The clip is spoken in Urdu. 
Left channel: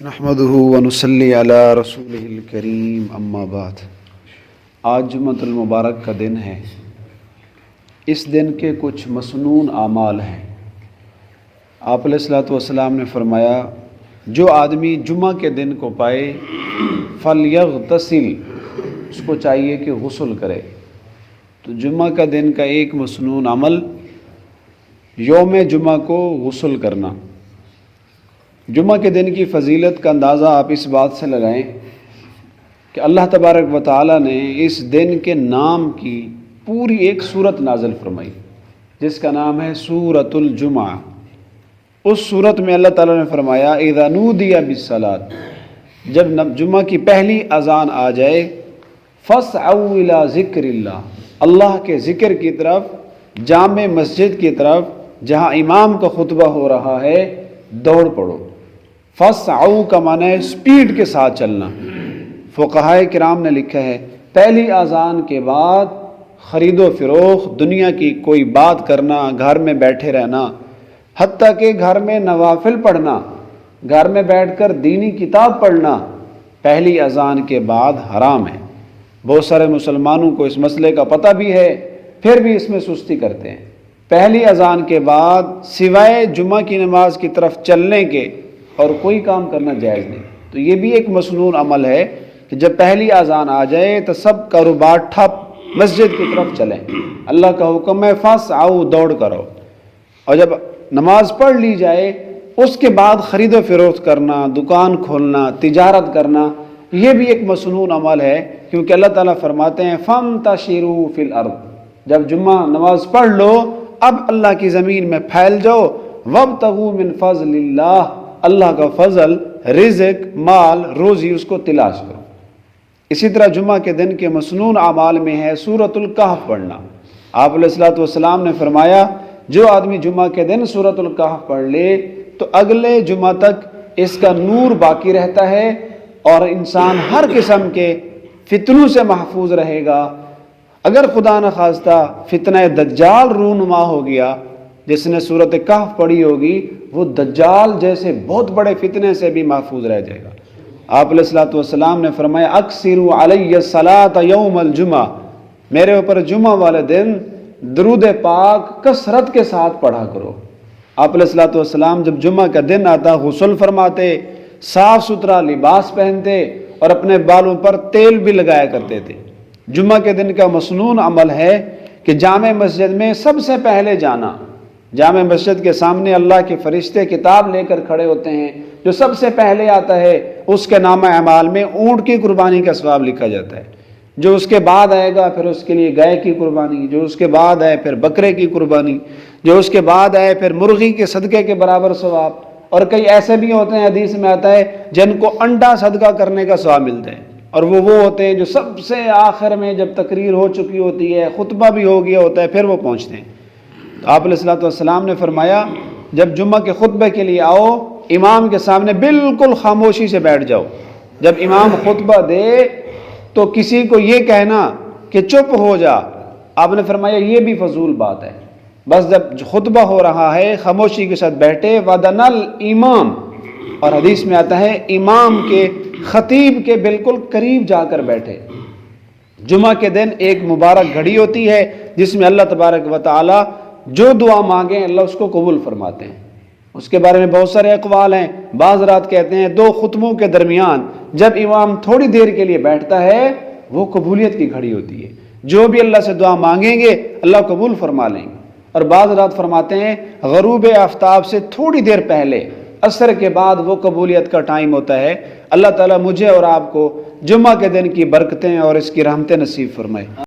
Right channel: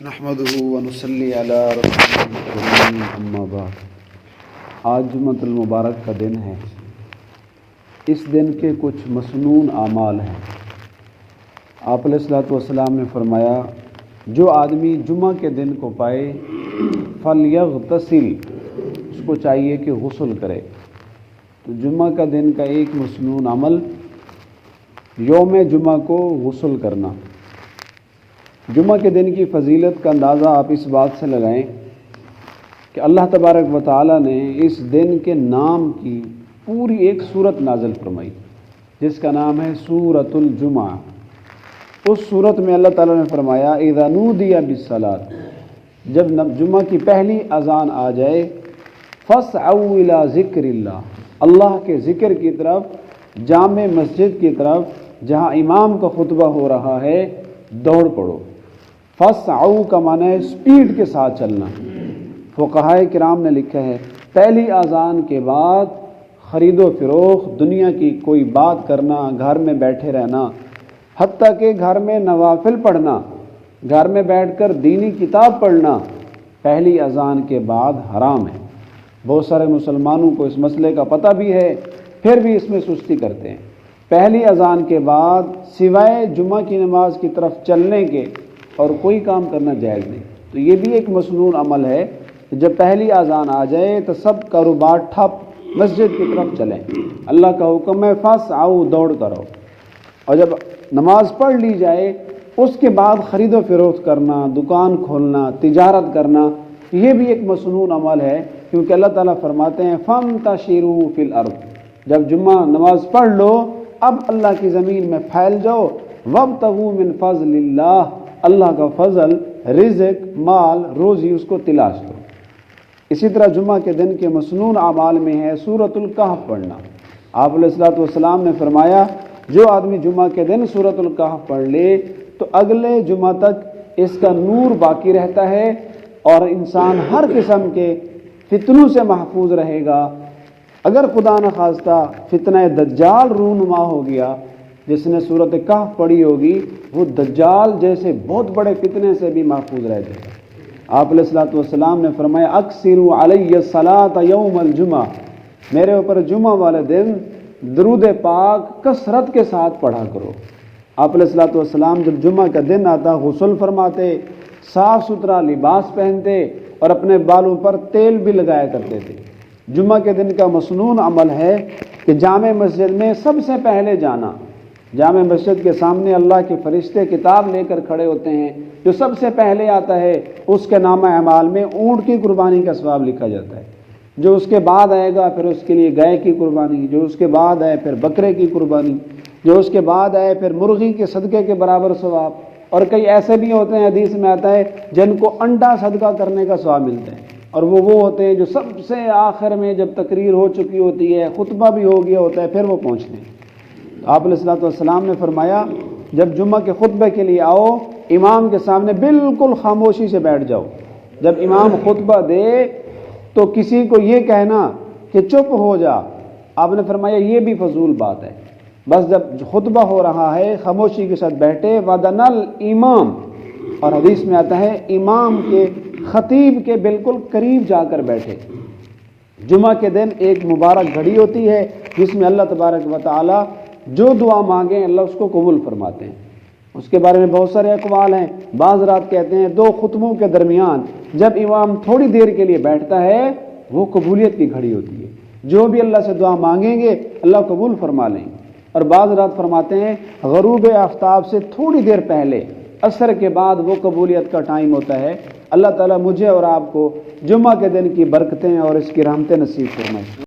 نحمدہ ونصلی علی رسول الکریم اما بعد۔ آج جمعۃ المبارک کا دن ہے۔ اس دن کے کچھ مسنون اعمال ہیں۔ آپ علیہ الصلوۃ والسلام نے فرمایا، جو آدمی جمعہ کے دن کو پائے فلیغتسل، اس کو چاہیے کہ غسل کرے۔ تو جمعہ کا دن کا ایک مسنون عمل یوم جمعہ کو غسل کرنا۔ جمعہ کے دن کی فضیلت کا اندازہ آپ اس بات سے لگائیں کہ اللہ تبارک و تعالیٰ نے اس دن کے نام کی پوری ایک صورت نازل فرمائی، جس کا نام ہے سورۃ الجمعہ۔ اس صورت میں اللہ تعالیٰ نے فرمایا، اذا نودی بالصلاۃ، جب جمعہ کی پہلی اذان آ جائے، فاسعوا الی ذکر اللہ، اللہ کے ذکر کی طرف، جامع مسجد کی طرف جہاں امام کا خطبہ ہو رہا ہے، دوڑ پڑو۔ فاسعوا کا معنی ہے سپیڈ کے ساتھ چلنا۔ فقہائے کرام نے لکھا ہے، پہلی اذان کے بعد خرید و فروخت، دنیا کی کوئی بات کرنا، گھر میں بیٹھے رہنا، حتیٰ کہ گھر میں نوافل پڑھنا، گھر میں بیٹھ کر دینی کتاب پڑھنا، پہلی اذان کے بعد حرام ہے۔ بہت سارے مسلمانوں کو اس مسئلے کا پتہ بھی ہے، پھر بھی اس میں سستی کرتے ہیں۔ پہلی اذان کے بعد سوائے جمعہ کی نماز کی طرف چلنے کے اور کوئی کام کرنا جائز نہیں۔ تو یہ بھی ایک مسنون عمل ہے کہ جب پہلی اذان آ جائے تو سب کاروبار ٹھپ، مسجد کی طرف چلیں۔ اللہ کا حکم ہے فاسعوا، دوڑ کرو۔ اور جب نماز پڑھ لی جائے، اس کے بعد خرید و فروخت کرنا، دکان کھولنا، تجارت کرنا، یہ بھی ایک مسنون عمل ہے، کیونکہ اللہ تعالیٰ فرماتے ہیں فانتشروا فی الارض، جب جمعہ نماز پڑھ لو، اب اللہ کی زمین میں پھیل جاؤ، وابتغوا من فضل اللہ، اللہ کا فضل، رزق، مال، روزی، اس کو تلاش کرو۔ اسی طرح جمعہ کے دن کے مسنون اعمال میں ہے سورۃ الکہف پڑھنا۔ آپ علیہ الصلوۃ والسلام نے فرمایا، جو آدمی جمعہ کے دن سورۃ الکہف پڑھ لے تو اگلے جمعہ تک اس کا نور باقی رہتا ہے اور انسان ہر قسم کے فتنوں سے محفوظ رہے گا۔ اگر خدا نخواستہ فتنہ دجال رونما ہو گیا، جس نے سورۃ کہف پڑھی ہوگی، وہ دجال جیسے بہت بڑے فتنے سے بھی محفوظ رہ جائے گا۔ آپ علیہ الصلوۃ والسلام نے فرمایا، اکثروا علی الصلاۃ یوم الجمعہ، میرے اوپر جمعہ والے دن درود پاک کثرت کے ساتھ پڑھا کرو۔ آپ علیہ الصلوۃ والسلام جب جمعہ کا دن آتا غسل فرماتے، صاف ستھرا لباس پہنتے اور اپنے بالوں پر تیل بھی لگایا کرتے تھے۔ جمعہ کے دن کا مسنون عمل ہے کہ جامع مسجد میں سب سے پہلے جانا۔ جامع مسجد کے سامنے اللہ کے فرشتے کتاب لے کر کھڑے ہوتے ہیں، جو سب سے پہلے آتا ہے اس کے نامہ اعمال میں اونٹ کی قربانی کا ثواب لکھا جاتا ہے۔ جو اس کے بعد آئے گا پھر اس کے لیے گائے کی قربانی، جو اس کے بعد آئے پھر بکرے کی قربانی، جو اس کے بعد آئے پھر مرغی کے صدقے کے برابر ثواب، اور کئی ایسے بھی ہوتے ہیں، حدیث میں آتا ہے، جن کو انڈا صدقہ کرنے کا ثواب ملتا ہے، اور وہ ہوتے ہیں جو سب سے آخر میں جب تقریر ہو چکی ہوتی ہے، خطبہ بھی ہو گیا ہوتا ہے، پھر وہ پہنچتے ہیں۔ تو آپ علیہ الصلوۃ والسلام نے فرمایا، جب جمعہ کے خطبے کے لیے آؤ، امام کے سامنے بالکل خاموشی سے بیٹھ جاؤ۔ جب امام خطبہ دے تو کسی کو یہ کہنا کہ چپ ہو جا، آپ نے فرمایا یہ بھی فضول بات ہے۔ بس جب خطبہ ہو رہا ہے خاموشی کے ساتھ بیٹھے، وَدَنَا الْإِمَامِ، اور حدیث میں آتا ہے امام کے، خطیب کے بالکل قریب جا کر بیٹھے۔ جمعہ کے دن ایک مبارک گھڑی ہوتی ہے جس میں اللہ تبارک و تعالی جو دعا مانگیں اللہ اس کو قبول فرماتے ہیں۔ اس کے بارے میں بہت سارے اقوال ہیں۔ بعض رات کہتے ہیں دو خطبوں کے درمیان جب امام تھوڑی دیر کے لیے بیٹھتا ہے، وہ قبولیت کی گھڑی ہوتی ہے، جو بھی اللہ سے دعا مانگیں گے اللہ قبول فرما لیں گے۔ اور بعض رات فرماتے ہیں غروب آفتاب سے تھوڑی دیر پہلے، عصر کے بعد، وہ قبولیت کا ٹائم ہوتا ہے۔ اللہ تعالیٰ مجھے اور آپ کو جمعہ کے دن کی برکتیں اور اس کی رحمتیں نصیب فرمائے۔